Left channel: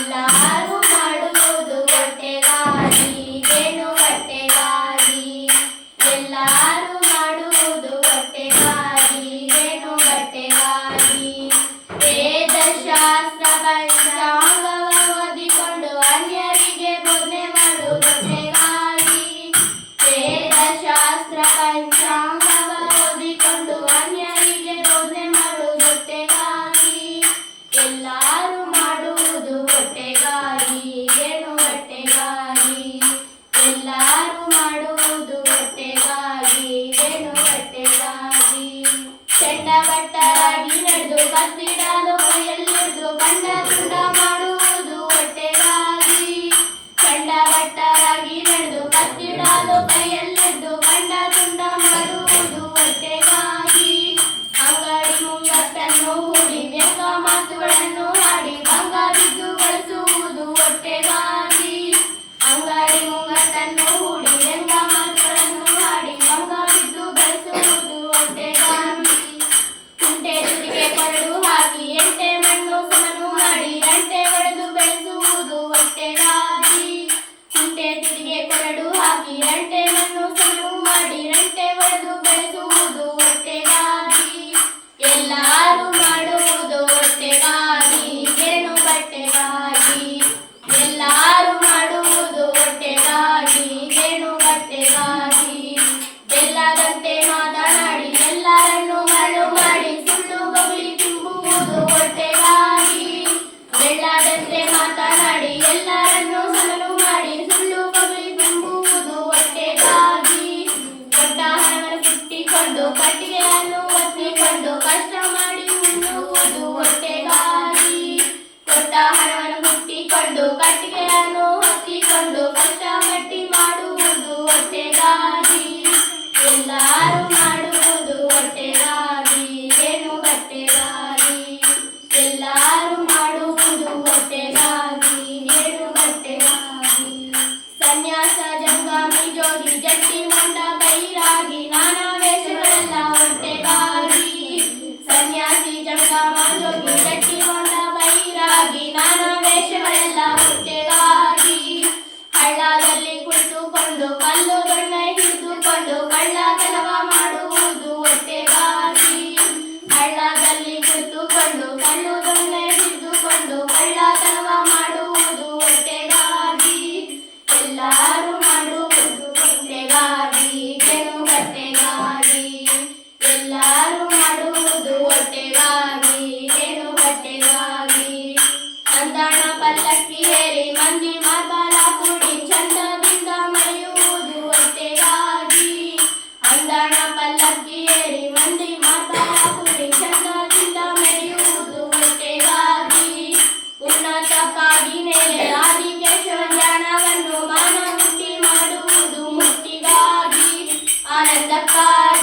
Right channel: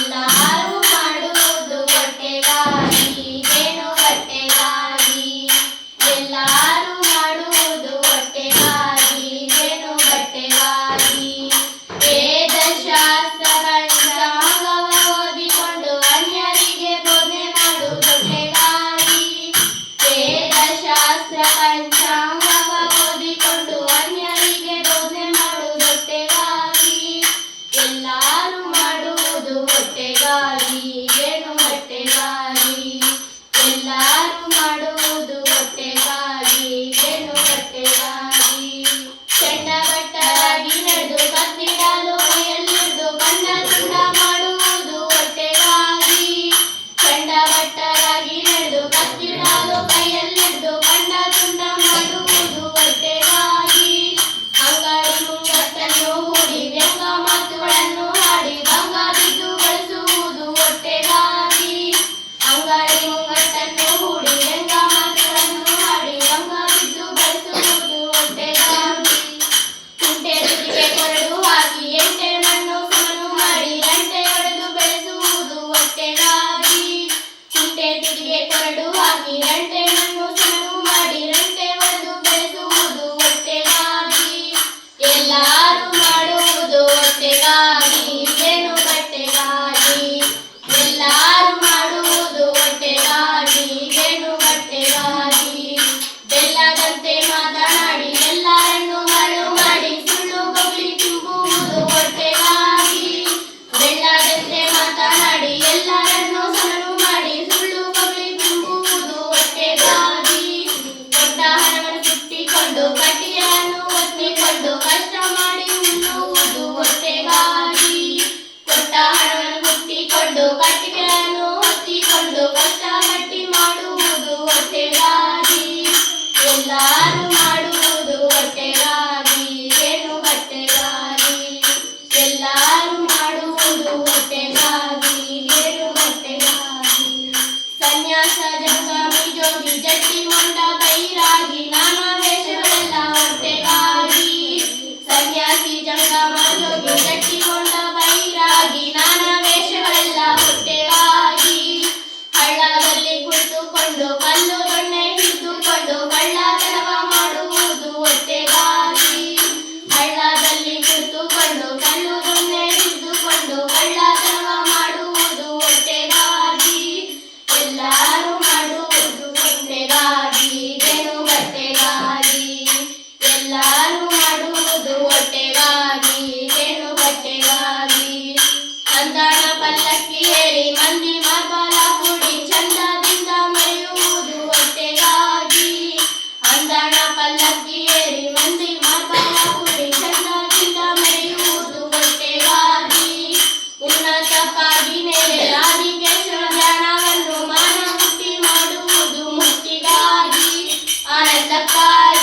ಎಲ್ಲರೂ ಮಾಡುವುದು ಹೊಟ್ಟೆಗಾಗಿ, ಏನು ಹೊಟ್ಟೆಗಾಗಿ. ಎಲ್ಲರೂ ಮಾಡುವುದು ಹೊಟ್ಟೆಗಾಗಿ, ಏನು ಹೊಟ್ಟೆಗಾಗಿ. ವೇದಶಾಸ್ತ್ರ ಪಂಚಾಂಗವ ಓದಿಕೊಂಡು ಅನ್ಯರಿಗೆ ಬೋಧನೆ ಮಾಡುವುದು ಹೊಟ್ಟೆಗಾಗಿ. ವೇದಶಾಸ್ತ್ರ ಪಂಚಾಂಗವ ಓದಿಕೊಂಡು ಅನ್ಯರಿಗೆ ಬೋಧನೆ ಮಾಡುವುದು ಹೊಟ್ಟೆಗಾಗಿ. ಎಲ್ಲರೂ ಮಾಡುವುದು ಹೊಟ್ಟೆಗಾಗಿ, ಏನು ಹೊಟ್ಟೆಗಾಗಿ. ಎಲ್ಲರೂ ಮಾಡುವುದು ಹೊಟ್ಟೆಗಾಗಿ, ಏನು ಹೊಟ್ಟೆಗಾಗಿ. ಚಂಡಭಟ್ಟರಾಗಿ ನಡೆದು ಕತ್ತಿಡಲು ಕೈಯಲ್ಲಿದ್ದು ಕಂಡ ತುಂಡ ಮಾಡುವುದು ಹೊಟ್ಟೆಗಾಗಿ. ಚಂಡಭಟ್ಟರಾಗಿ ನಡೆದು ಕತ್ತಿಡಲು ಕೈಯಲ್ಲಿದ್ದು ಕಂಡ ತುಂಡ ಮಾಡುವುದು ಹೊಟ್ಟೆಗಾಗಿ. ಅಂಗಡಿ ಮುಂಗಟ್ಟನ್ನು ಹೂಡಿ ವ್ಯಂಗ ಮಾತುಗಳನ್ನು ಆಡಿ ಭಂಗ ಬಿದ್ದು ಬಳಸುವುದು ಹೊಟ್ಟೆಗಾಗಿ. ಅಂಗಡಿ ಮುಂಗಟ್ಟನ್ನು ಹೂಡಿ ವ್ಯಂಗ ಮಾತುಗಳನ್ನು ಆಡಿ ಭಂಗ ಬಿದ್ದು ಬಳಸುವುದು ಹೊಟ್ಟೆಗಾಗಿ. ಕುಂಟೆ ತುದಿಗೆ ಕೊರಡು ಹಾಕಿ ಎಂಟೆ ಮಣ್ಣು ಸಮನು ಮಾಡಿ ಅಂಟೆ ಹೊಡೆದು ಬೆಳೆಸುವುದು ಹೊಟ್ಟೆಗಾಗಿ. ಕುಂಟೆ ತುದಿಗೆ ಕೊರಡು ಹಾಕಿ ಅಂಟೆ ಮಣ್ಣು ಸಮನು ಮಾಡಿ ಅಂಟೆ ಹೊಡೆದು ಬೆಳೆಸುವುದು ಹೊಟ್ಟೆಗಾಗಿ. ಎಲ್ಲರೂ ಮಾಡುವುದು ಹೊಟ್ಟೆಗಾಗಿ, ಏನು ಹೊಟ್ಟೆಗಾಗಿ. ಎಲ್ಲರೂ ಮಾಡುವುದು ಹೊಟ್ಟೆಗಾಗಿ, ಏನು ಹೊಟ್ಟೆಗಾಗಿ. ಬೆಲ್ಲದಂತೆ ಮಾತನಾಡಿ ಎಲ್ಲರನ್ನು ಮರಳು ಮಾಡಿ ಸುಳ್ಳು ಬಗ್ಲಿ ತುಂಬುವುದು ಹೊಟ್ಟೆಗಾಗಿ. ಬೆಲ್ಲದಂತೆ ಮಾತನಾಡಿ ಎಲ್ಲರನ್ನು ಸಮನು ಮಾಡಿ ಸುಳ್ಳು ಬಗ್ಲಿ ತುಂಬುವುದು ಹೊಟ್ಟೆಗಾಗಿ. ಕೊಟ್ಟ ಹಣವನ್ನು ಕಿಟ್ಟಿಕೊಂಡು ಕಟ್ಟಿಗೆಯನ್ನು ಒತ್ತಿಕೊಂಡು ಕಷ್ಟ ಮಾಡಿ ಉಣ್ಣುವುದು ಹೊಟ್ಟೆಗಾಗಿ. ಕೊಟ್ಟ ಹಣವನ್ನು ಕಿಟ್ಟಿಕೊಂಡು ಕಟ್ಟಿಗೆಯನ್ನು ಒತ್ತಿಕೊಂಡು ಕಷ್ಟ ಗಟ್ಟಿ ಮಾಡುವುದು ಹೊಟ್ಟೆಗಾಗಿ. ಎಲ್ಲರೂ ಮಾಡುವುದು ಹೊಟ್ಟೆಗಾಗಿ, ಏನು ಹೊಟ್ಟೆಗಾಗಿ. ಎಲ್ಲರೂ ಮಾಡುವುದು ಹೊಟ್ಟೆಗಾಗಿ, ಏನು ಹೊಟ್ಟೆಗಾಗಿ. ಸನ್ಯಾಸ ಜಂಗಾಮಿ ಜೋಗಿ ಜಟ್ಟಿ ಹೊಂಡ ಬೈರಾಗಿ ನಾನಾ ವೇಷಗಳೆಲ್ಲ ಹೊಟ್ಟೆಗಾಗಿ. ಸನ್ಯಾಸಿ ಜಂಗಾಮ ಜೋಗಿ ಜಟ್ಟಿ ಹೊಂಡ ಬೈರಾಗಿ ನಾನಾ ವೇಷಗಳೆಲ್ಲ ಹೊಟ್ಟೆಗಾಗಿ. ಹಳ್ಳದಲ್ಲಿ ಕುಳಿತುಕೊಂಡು ಕಲ್ಲು ದೊಣ್ಣೆ ಹಿಡಿದುಕೊಂಡು ಕಳ್ಳತನವ ಮಾಡುವುದು ಹೊಟ್ಟೆಗಾಗಿ. ಹಳ್ಳದಲ್ಲಿ ಕುಳಿತುಕೊಂಡು ಕಲ್ಲು ದೊಣ್ಣೆ ಹಿಡಿದುಕೊಂಡು ಕಳ್ಳತನವ ಮಾಡುವುದು ಹೊಟ್ಟೆಗಾಗಿ. ಎಲ್ಲರೂ ಮಾಡುವುದು ಹೊಟ್ಟೆಗಾಗಿ, ಏನು ಹೊಟ್ಟೆಗಾಗಿ. ಎಲ್ಲರೂ ಮಾಡುವುದು ಹೊಟ್ಟೆಗಾಗಿ, ಏನು ಹೊಟ್ಟೆಗಾಗಿ. ಸಂತಾನ ಪಲ್ಲಕ್ಕಿ ಏರಿ ಮಂದಿ ಮಾರ್ಬಲ ಕೂಡಿ ಚಂದದಿಂದ ಮೆರೆಯುವುದು ಹೊಟ್ಟೆಗಾಗಿ. ಅಂದಾಣ ಪಲ್ಲಕ್ಕಿ ಏರಿ ಮಂದಿ ಮಾರ್ಬಲ ಕೂಡಿ ಚಂದದಿಂದ ಮೆರೆಯುವುದು ಹೊಟ್ಟೆಗಾಗಿ. ಉನ್ನತಕ್ಕಾಗಿ ನೆಲೆ ಆದಿಕೇಶವ ಧ್ಯಾನವನ್ನು ಮಾನಮುಕ್ತಿ ಮಾಡುವುದು ಮುಕ್ತಿಗಾಗಿ. ಆನಂದಕ್ಕಾಗಿ